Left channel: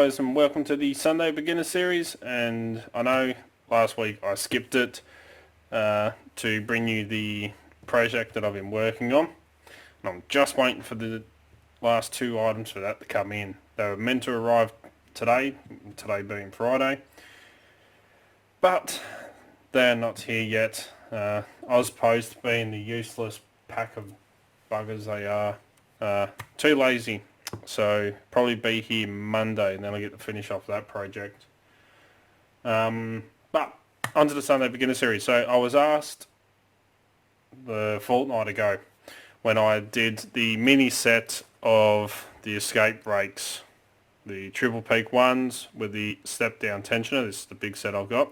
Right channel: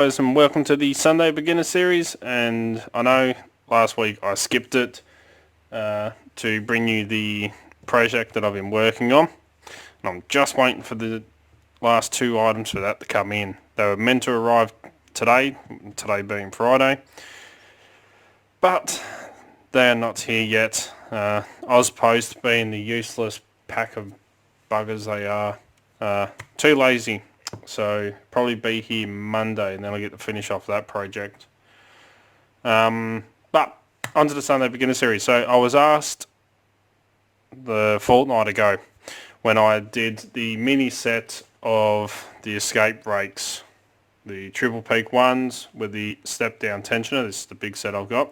Guys, and welcome to the Sunday Beginner Series. And I know last week I skipped it to bring you the project that I've been working on. And I'm just waiting for the last two items for that to come in. They were meant to arrive today being Friday, but they are not here yet. Ozpost, being the useless pack of buggers they are, too lazy. So probably be here Monday, and then I'll get to finish off that project. But onto the Sunday Beginner Series. So I was asked the fortnight ago when I did the mini set of the escape brakes, the triple peak ones with the step down tensioner. This is the big set I've got.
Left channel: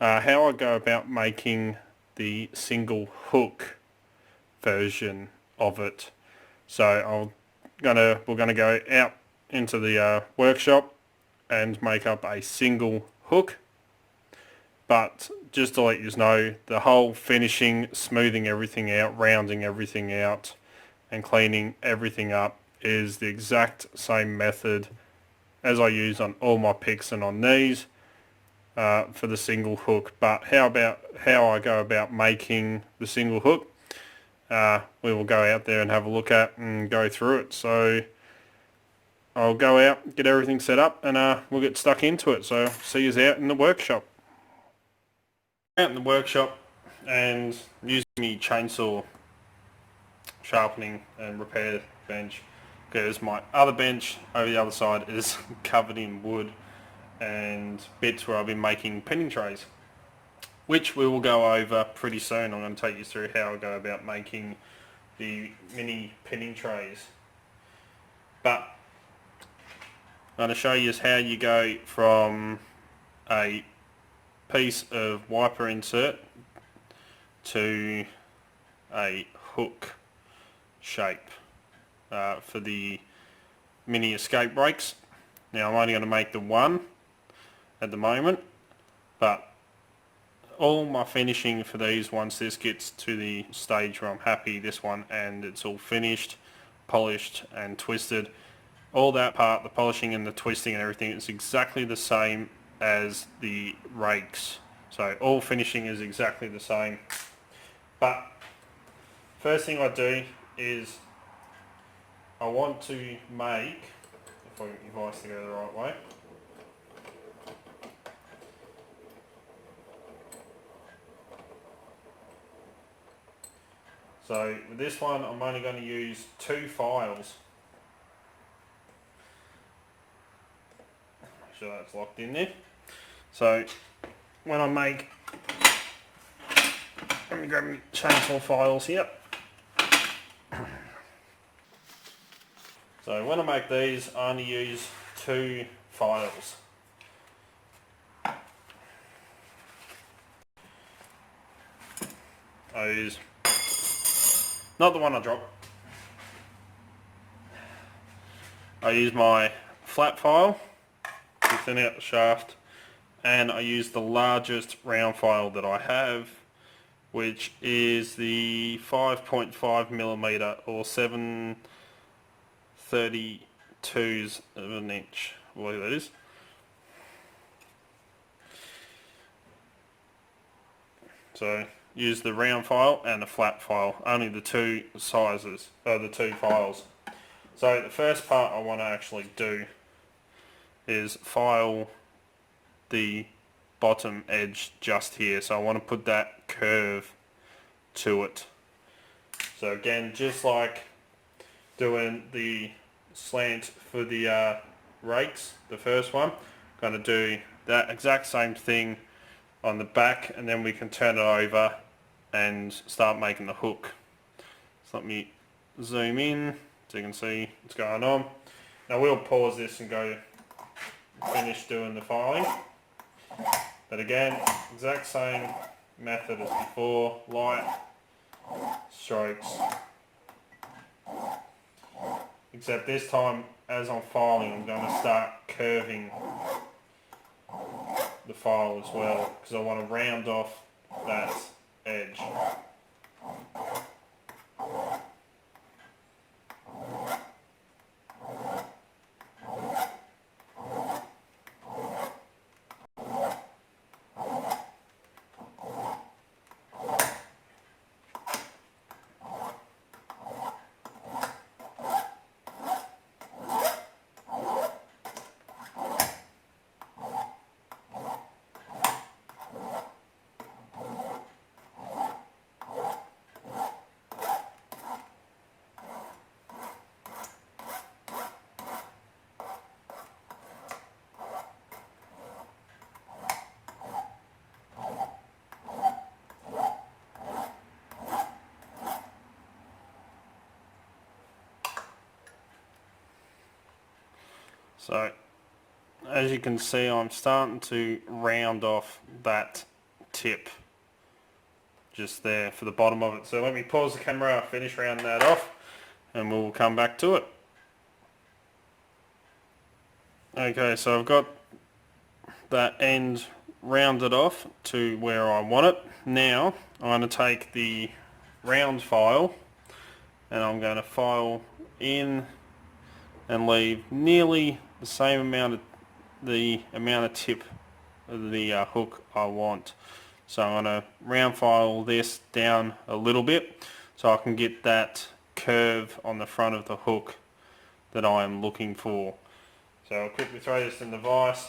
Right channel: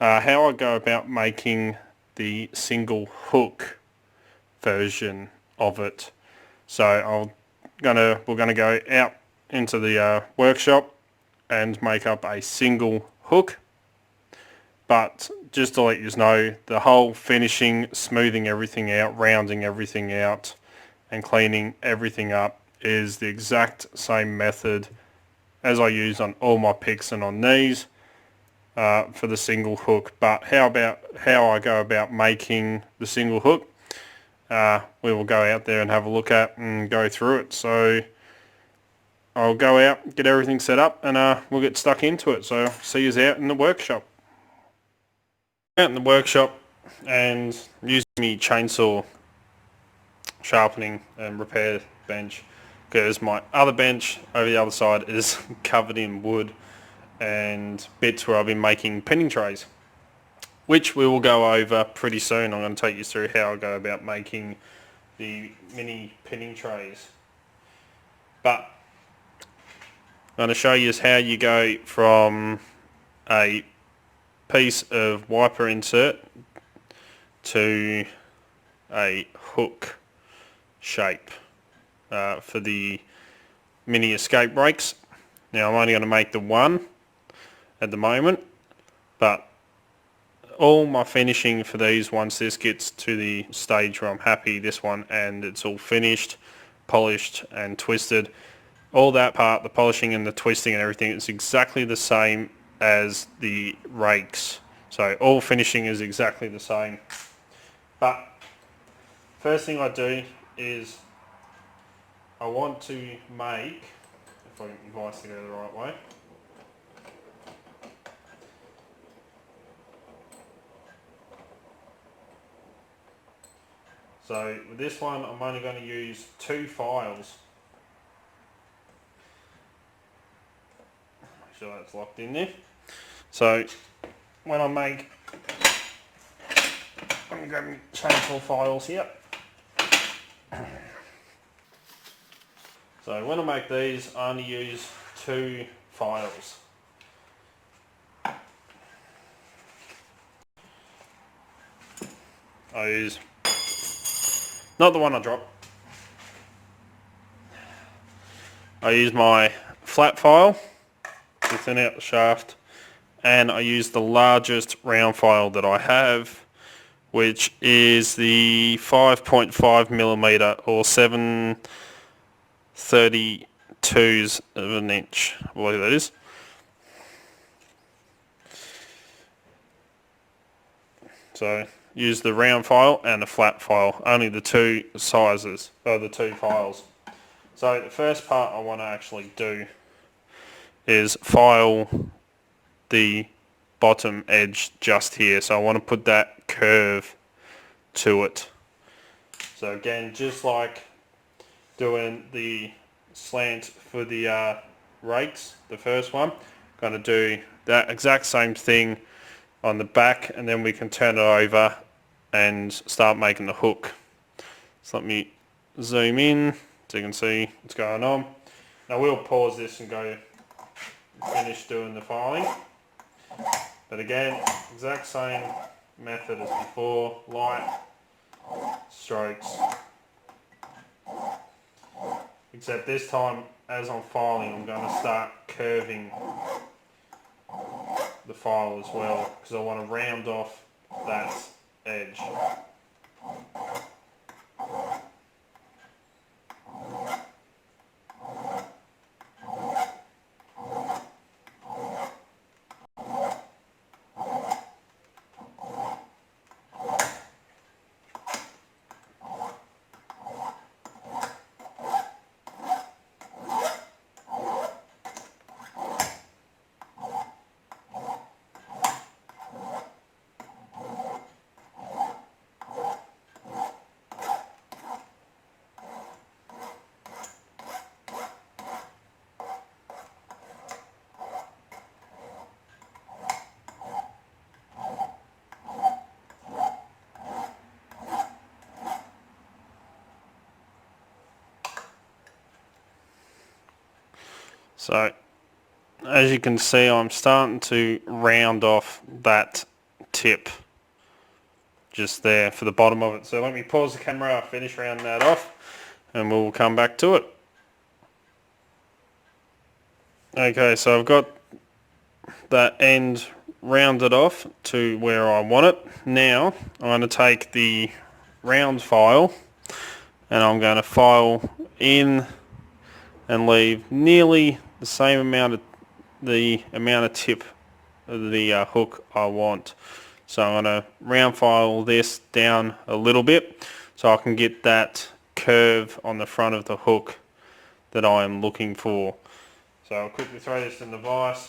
How I go about making the single hook version of it. So we're gonna go out into the workshop and make up a single hook. But just to let you know, the whole finishing, smoothing everything out, rounding everything out, and cleaning everything up is the exact same method as I use on all my picks and on these for the single hook. But how I go about making the single hook? We will go out there and have a look at and go through it. So I'll go out, get everything set up, and we'll get stuck into it. So see you out in the workshop. Out in the workshop and using my chainsaw sharpening and repair bench, because my other bench over the other side is covered in wood and bits where I've been making pinning trays, which we will go over pretty soon. I'm going to take you through how I go about making the mini pinning trays. But I'm going to show you how you go from a piece of wiper insert to a hook shape for the mini escape brakes. Now I'm only going to make the one at the moment, but all my finishing for these, once this gets to the stage where I'm happy this one and it's all finished, polished and twisted, all that part, the polishing and the twisting and everything, it's exactly the same as the rakes. So all finishing is exactly the same. But first thing I do is I want to make, if I get the device to go the right way, so with this one I'm only going to use 2 files. Make sure that's locked in there. So when I make, let me grab my chainsaw files here. So when I make these, I only use 2 files. I use, not the one I dropped, I use my flat file to thin out the shaft, and I use the largest round file that I have, which is the 5.5mm or 7/32 of an inch, I believe that is. So use the round file and the flat file, only the 2 sizes, or the 2 files. So the first part I want to actually do is file the bottom edge just here. So I want to put that curve to it. So again, just like doing the slant for the rakes, the first one, going to do that exact same thing on the back, and then we can turn it over and start making the hook. So let me zoom in so you can see what's going on. Now we'll pause this and go finish doing the filing. But again, exact same method as before, light strokes. Except this time, as I'm filing, I'm going to start curving the file as well, because I want to round off that edge. So as you can see, I'm starting to round off that tip just there for the bottom of it. So let me pause the camera, I'll finish rounding that off and we'll come back to it. Okay, so I've got that end rounded off to where I want it. Now I'm going to take the round file and I'm going to file in and leave nearly the same amount of tip of the hook I want. So I'm going to round file this down a little bit so I can get that curve on the front of the hook that I am looking for. So I'll quickly throw this in the vise.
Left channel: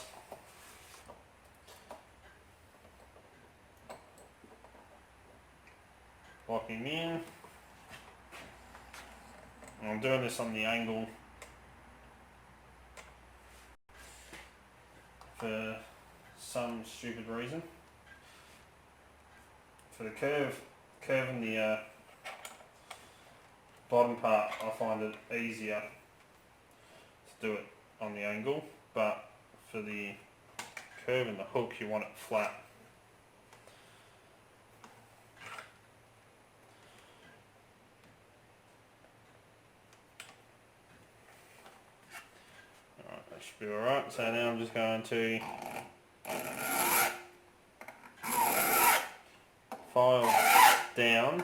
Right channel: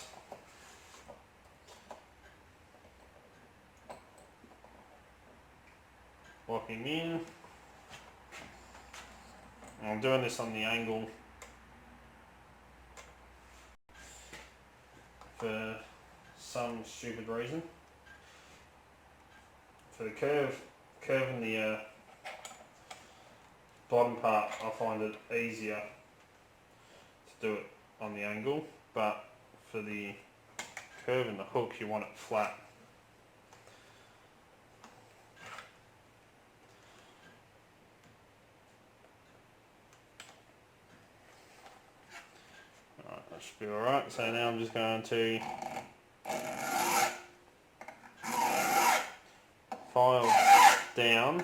Locking in. I'm doing this on the angle for some stupid reason. For the curve in the bottom part, I find it easier to do it on the angle, but for the curve in the hook you want it flat. Alright, that should be alright. So now I'm just going to file down.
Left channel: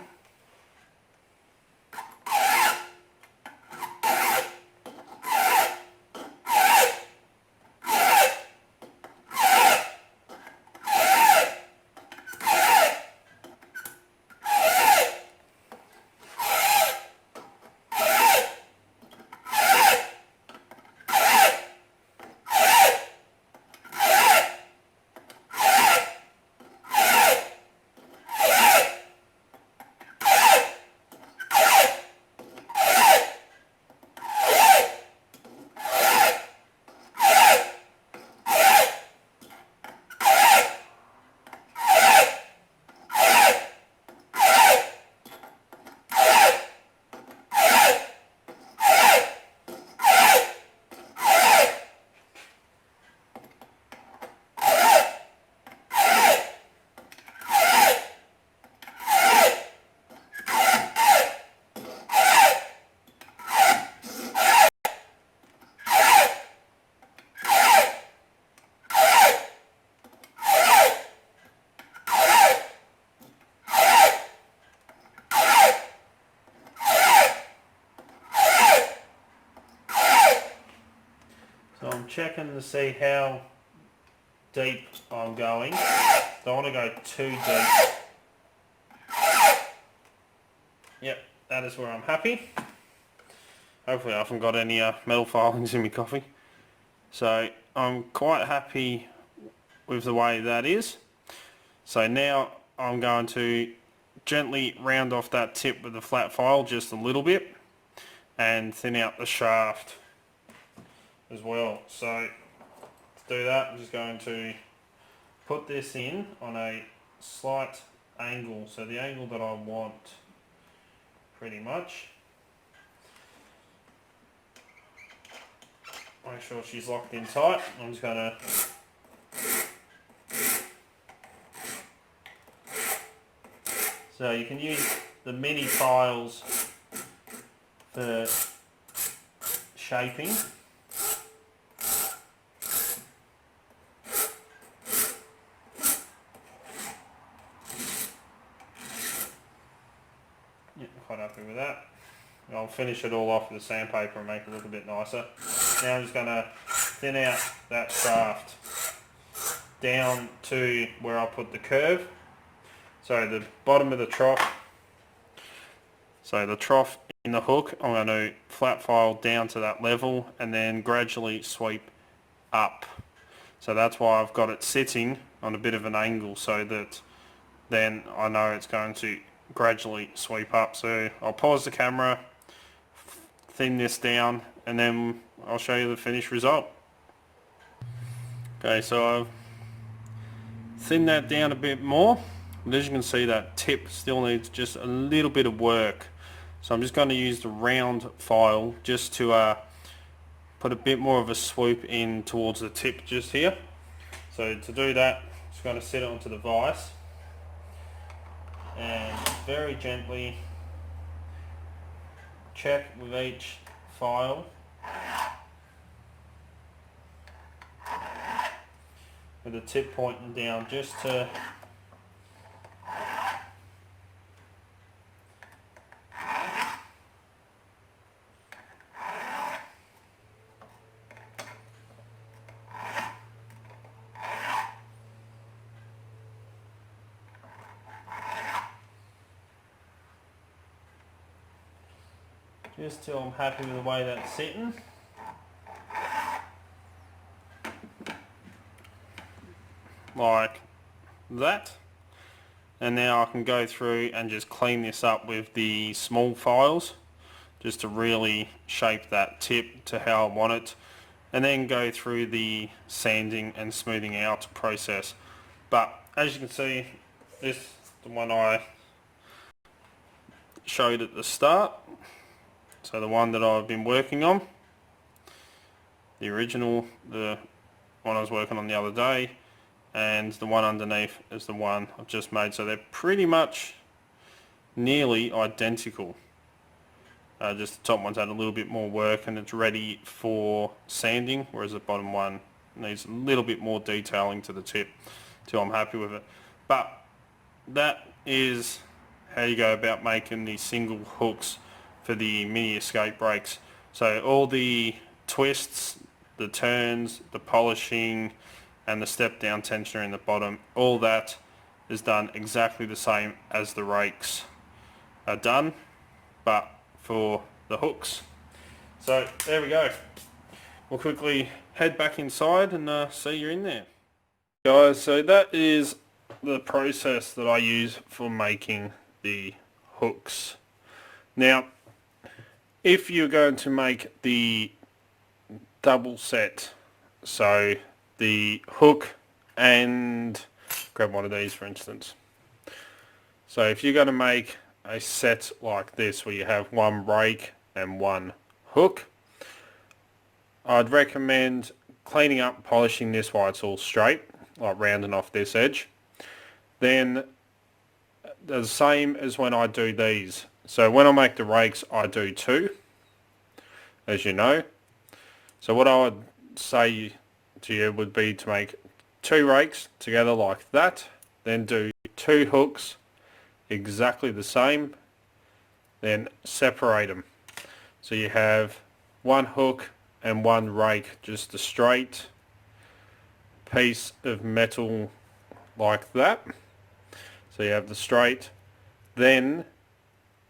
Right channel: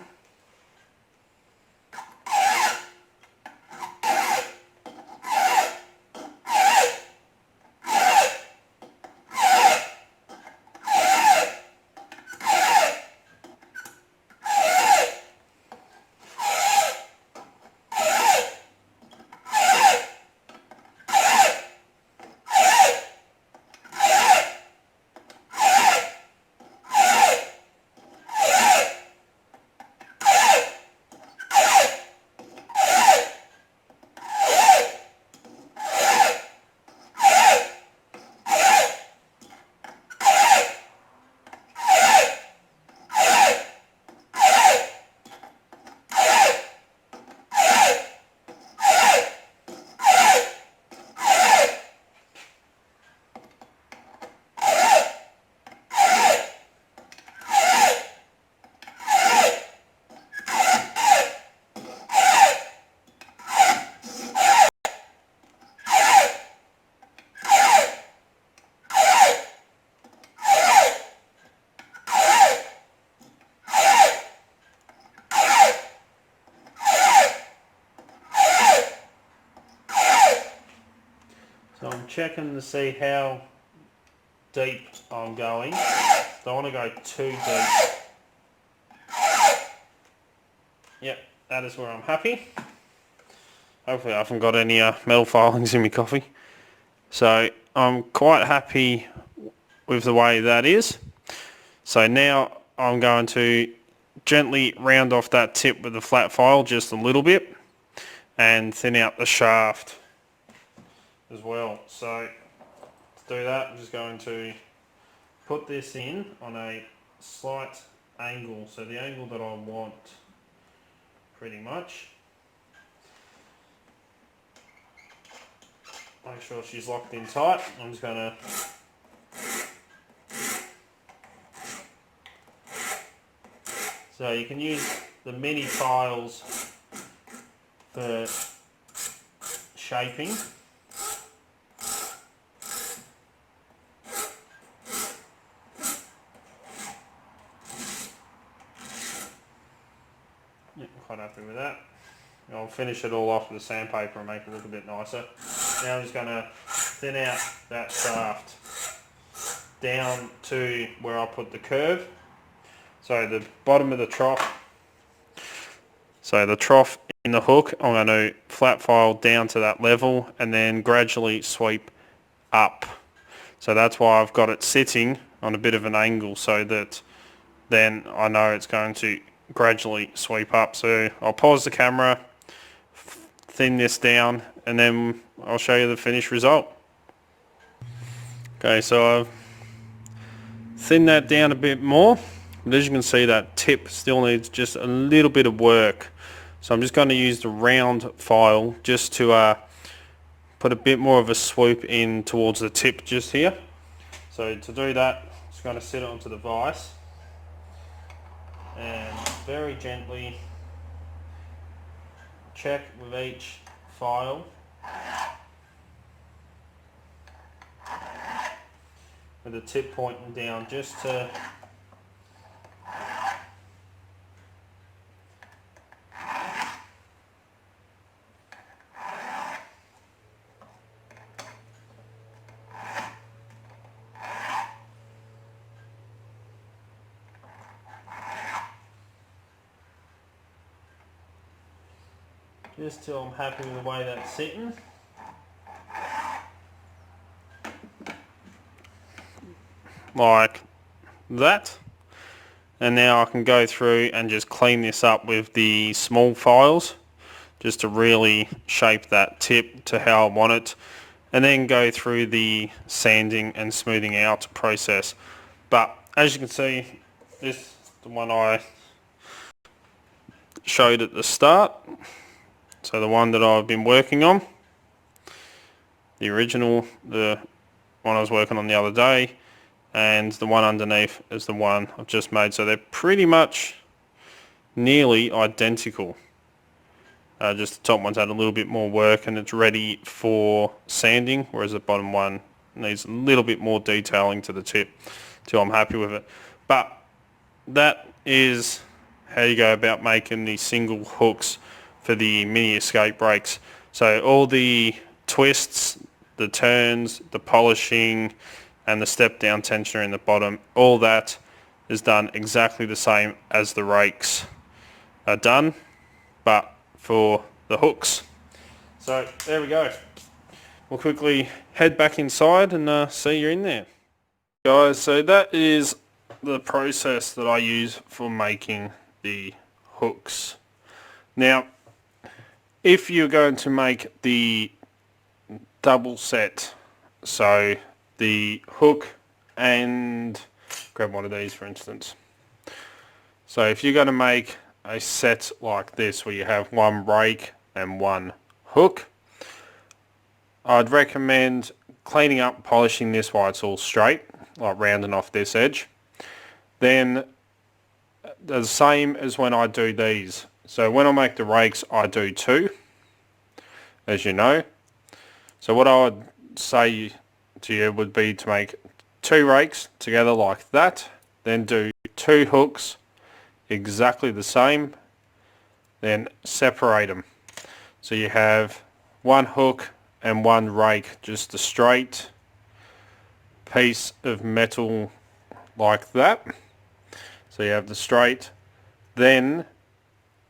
So I'm checking to see how deep I'm going. Don't want to go too deep. Yep, that is where I'm happy. Hopefully I haven't got any metal filings in my coffee. So I'm quite happy with the way that is. So now I'm going to gently round off that tip with the flat file just a little bit and thin out the shaft as well. So to do that, I'm just going to put this in on a slight angle, so the angle that I want pretty much. Make sure she's locked in tight. I'm just going to so you can use the mini files for shaping. Yeah, quite happy with that. I'll finish it all off with the sandpaper and make it look a bit nicer. Now I'm just going to thin out that shaft down to where I put the curve. So the bottom of the trough. So the trough in the hook, I'm going to flat file down to that level and then gradually sweep up. So that's why I've got it sitting on a bit of an angle so that then I know it's going to gradually sweep up. So I'll pause the camera, thin this down, and then I'll show you the finished result. Okay, so I've thinned that down a bit more. And as you can see, that tip still needs just a little bit of work. So I'm just going to use the round file just to put a bit more of a swoop in towards the tip just here. So to do that, I'm just going to set it onto the vise and very gently check with each file with the tip pointing down, just to till I'm happy with the way that's sitting. Like that. And now I can go through and just clean this up with the small files, just to really shape that tip to how I want it, and then go through the sanding and smoothing out process. But as you can see, this is the one I showed at the start. So the one that I've been working on, the original, the one I was working on the other day, and the one underneath is the one I've just made. So they're pretty much nearly identical. Just the top one's had a little bit more work and it's ready for sanding, whereas the bottom one needs a little bit more detailing to the tip till I'm happy with it. But that is how you go about making the single hooks for the mini escape brakes. So all the twists, the turns, the polishing, and the step down tensioner in the bottom, all that is done exactly the same as the rakes are done, but for the hooks. So there we go. We'll quickly head back inside and see you in there. Guys, so that is the process that I use for making the hooks. Now, if you're going to make the double set, so the hook and grab one of these for instance. So if you're going to make a set like this where you have one rake and one hook, I'd recommend cleaning up, polishing this while it's all straight, like rounding off this edge. Then the same as when I do these. So when I make the rakes, I do two, as you know. So what I would say to you would be to make two rakes together like that, then do two hooks exactly the same, then separate them. So you have one hook and one rake, just a straight piece of metal like that. So you have the straight, then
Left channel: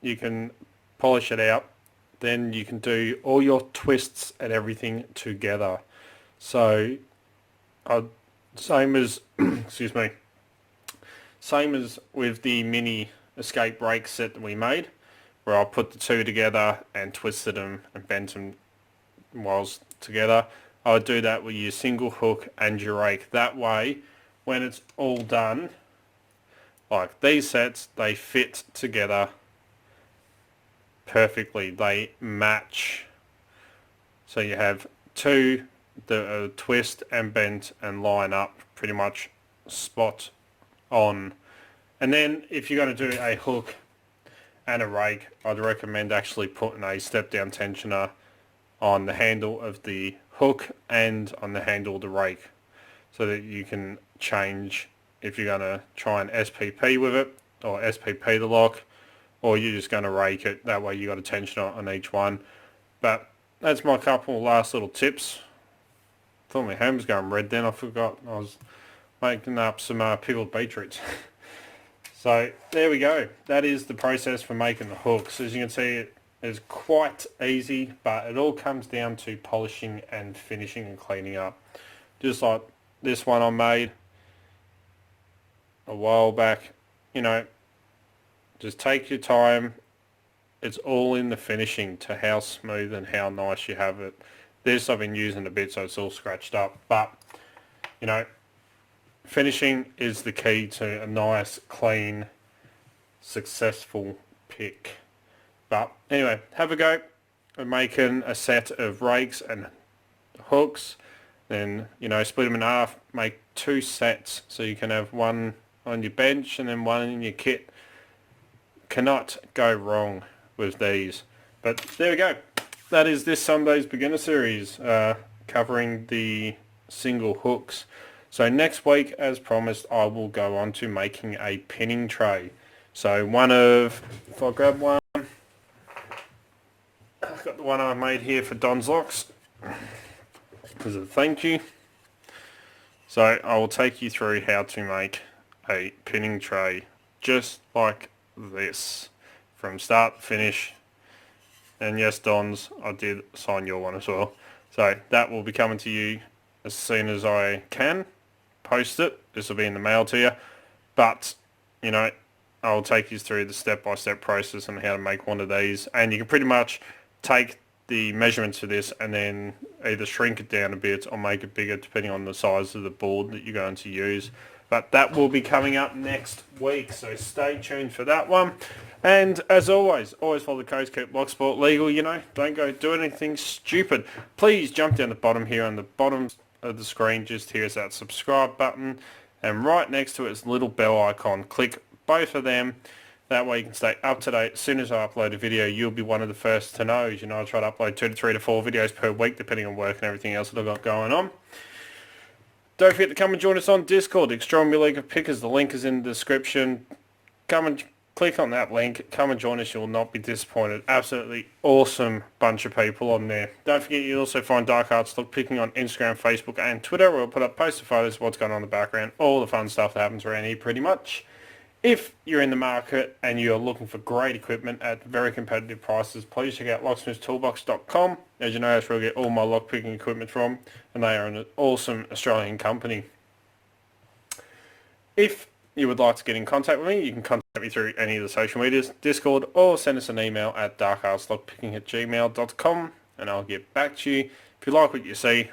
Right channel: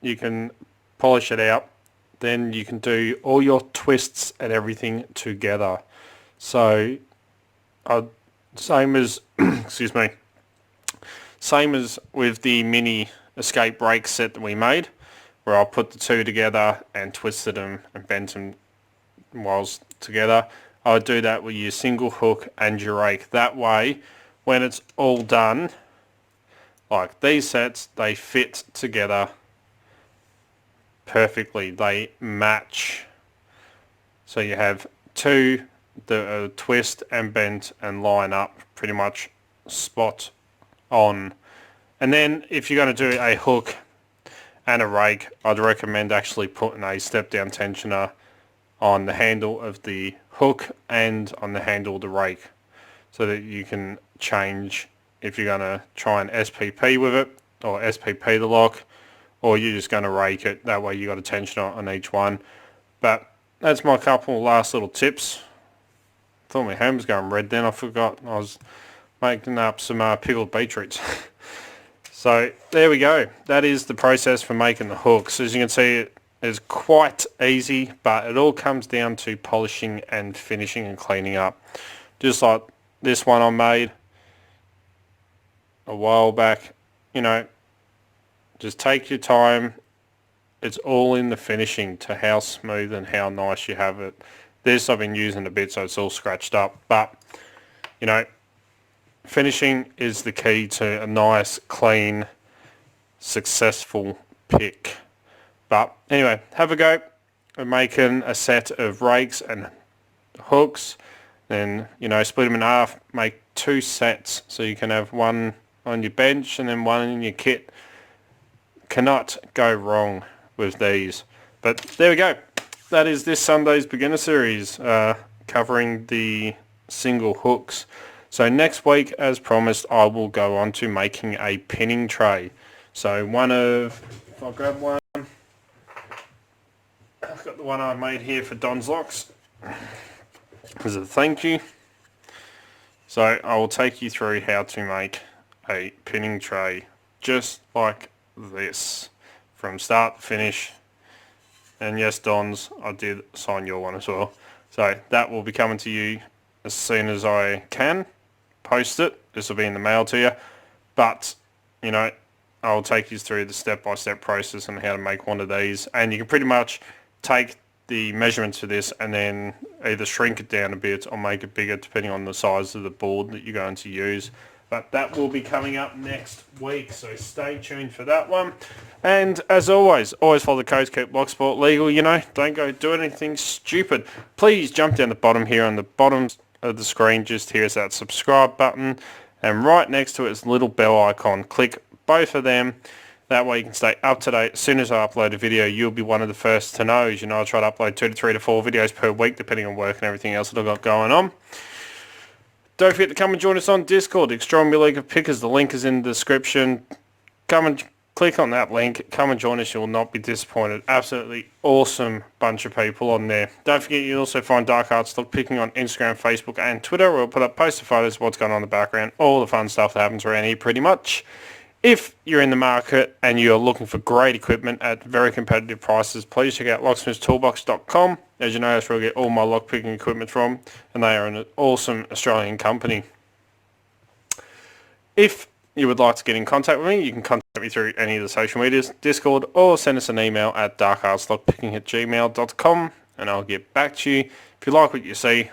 you can polish it out, then you can do all your twists and everything together. So same as excuse me, same as with the mini escape brake set that we made, where I put the two together and twisted them and bent them whilst together. I would do that with your single hook and your rake. That way, when it's all done, like these sets, they fit together perfectly. They match. So you have two that twist and bent and line up pretty much spot on. And then if you're going to do a hook and a rake, I'd recommend actually putting a step down tensioner on the handle of the hook and on the handle of the rake, so that you can change if you're going to try and SPP with it, or SPP the lock, or you're just going to rake it. That way you got a tensioner on each one. But that's my couple last little tips. Thought my hand was going red then, I forgot I was making up some pickled beetroots. So there we go. That is the process for making the hooks. As you can see, it is quite easy, but it all comes down to polishing and finishing and cleaning up. Just like this one I made a while back, you know, just take your time. It's all in the finishing to how smooth and how nice you have it. This I've been using a bit, so it's all scratched up, but you know, finishing is the key to a nice, clean, successful pick. But anyway, have a go at making a set of rakes and hooks, then, you know, split them in half, make 2 sets, so you can have one on your bench and then one in your kit. Cannot go wrong with these. But there we go. That is this Sunday's beginner series, covering the single hooks. So next week, as promised, I will go on to making a pinning tray. So if I grab one, I've got the one I made here for Don's Locks as a thank you. So I will take you through how to make a pinning tray just like this from start to finish. And yes, Don's, I did sign your one as well. So that will be coming to you as soon as I can post it. This will be in the mail to you. But, you know, I'll take you through the step-by-step process on how to make one of these. And you can pretty much take the measurements for this and then either shrink it down a bit or make it bigger depending on the size of the board that you're going to use. But that will be coming up next week, so stay tuned for that one. And as always follow the codes, keep Locksport legal, you know, don't go do anything stupid. Please jump down the bottom here on the bottom of the screen, just here is that subscribe button, and right next to it is the little bell icon. Click both of them, that way you can stay up to date. As soon as I upload a video, you'll be one of the first to know. As you know, I try to upload 2 to 3 to 4 videos per week, depending on work and everything else that I've got going on. Don't forget to come and join us on Discord, Extraordinary League of Pickers. The link is in the description. Come and click on that link. Come and join us. You will not be disappointed. Absolutely awesome bunch of people on there. Don't forget you also find Dark Arts Lock Picking on Instagram, Facebook and Twitter. We'll put up poster photos of what's going on in the background. All the fun stuff that happens around here pretty much. If you're in the market and you're looking for great equipment at very competitive prices, please check out locksmithstoolbox.com. As you know, that's where I get all my lockpicking equipment from, and they are an awesome Australian company. If you would like to get in contact with me, you can contact me through any of the social medias, Discord, or send us an email at darkartslockpicking@gmail.com, and I'll get back to you. If you like what you see,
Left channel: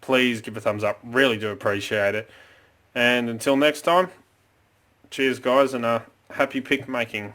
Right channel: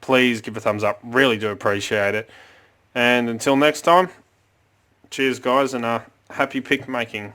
please give a thumbs up. Really do appreciate it. And until next time, cheers guys, and happy pick making.